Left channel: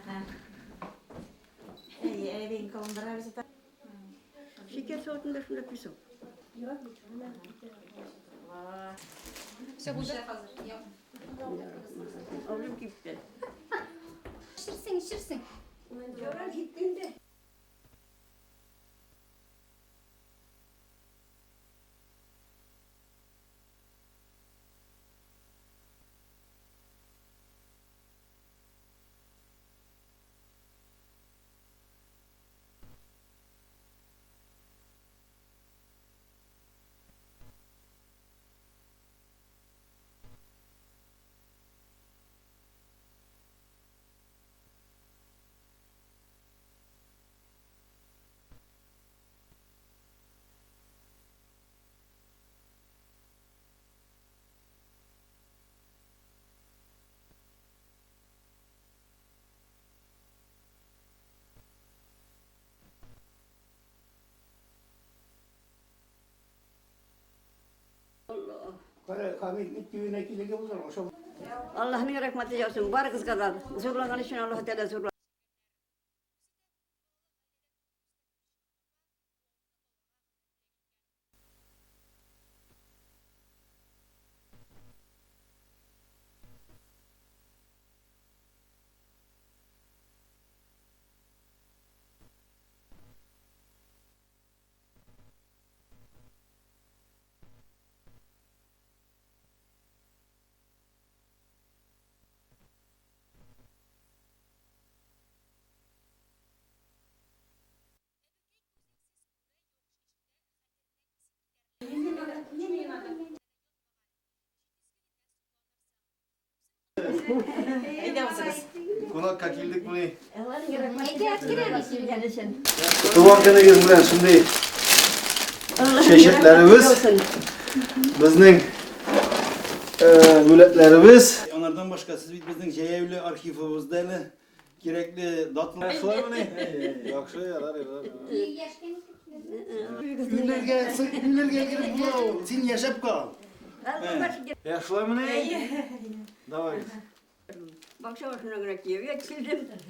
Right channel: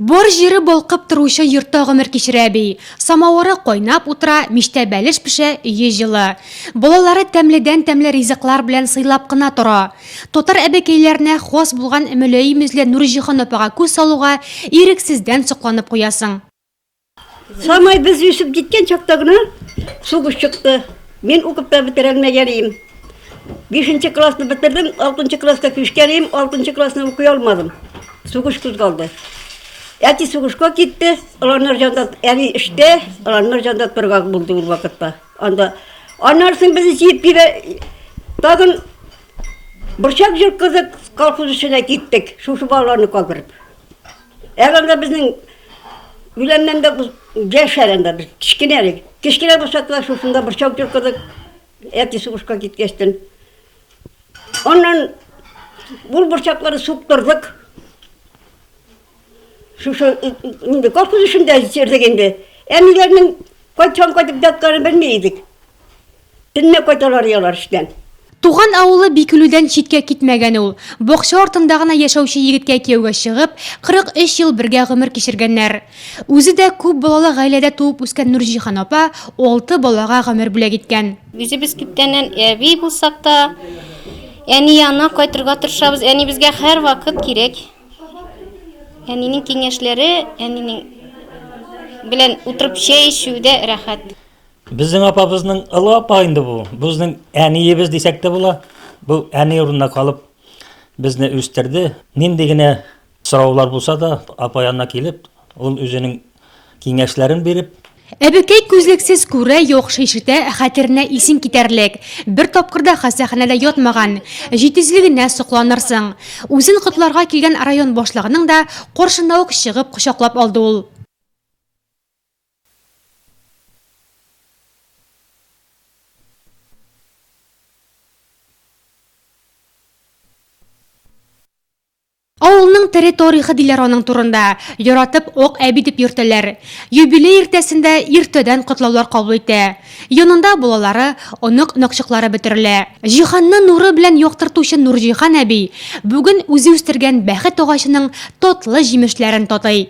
Бор жері болқып тұрушы йұртта ғымыр кешірәбей. Самауыры қойнап ұтыра, меште бәліш піше үйе жылы. Болалары тәмледен тәмлі ризықлар білән сыйлап қына тұра. Тотар әбекейлеріне қос болған әмілейімізле Нұржихан опаға көз салуға еріксізден сұқланып қоясың. Самай біз өсіп кеткен чақтағына суғыш шықты. Мен оқыпта бітірілмегенейім. 5-ші класты бітірдім, 6-ші класқа көшкенейім, 6-ші класны оқи алмадым. Суғыш күз қалды. Әти суғышқа кетті, ұланар жандат әне іште, ұланар жандат бірғақ болды бұл вақытта. Анарсын бізді жеп бері, тағын бұршақ жүркізік қалқыз үшіне кеттік, шушы балаларны қалдырып. Әғанда біздің үйленнен де жаш әрінде біз кішкенелік. Кішкене бұршақта шушында бұршақ жүркізік, әти суғышқа кеткестін. Оннан бұл бұршақлары суқтырдық. Шушы қалқыз үшінде жердегенде. Әмелерінің қайтқан қайтып жатқаны білмейдік. Дінне қайталар елар іштен. Туған ауылы бекілуден шетке кетмеген ол. Боқшы ортындағына яшаушы егітке кеуге шығып, 43 ел бірге ғымыр кешіргеннер. Өзі де көп балалы ғайледе туып өскен Нұржихан опа 6 балаға ғымыр бүле кеткен. Өзі біз күптенен әбей болсақ та, әне яна қайтырға тұршабыз, әне бізге әр вақыт керек. Әненің кеңешлері, әненің білен ұтырып шей ішуде рахат. Біздің апабыздың ұлы апайынды бұл. Біздің әне ебіз десек те бола. Бұл әне орнына қалып бізні өстерді. Нендегіне сұраулар болса да апайанына келіп, ол өзінің кеңешлерін беріп. Әбекей көзлексіз көрі йоқшы ішіті қатеріне исін кетерлік. Бір топқырда қасақынада йотмаған. Жетізілігіне сұқланырсың. Өзін құтларға келген район бошлығының да қоршынауық шығып құшақлап алды ол. Туған күніңіз білен шындай шешетлеріміз, біздің өлетлеріміз. Ауылның территорияғы дилер оның турында. Яратып оқ әбидіп йөртелер. Юбилей ертесінде ертеден құтлаулар қабыл етті. Янында болалары, онық нақшықлары бітірілі. Жиханны нұры білән йоқтыртушы Нұржихан әбей бүгін өзі өстірген бәхет оғашының тотлы жемішлерін тотай.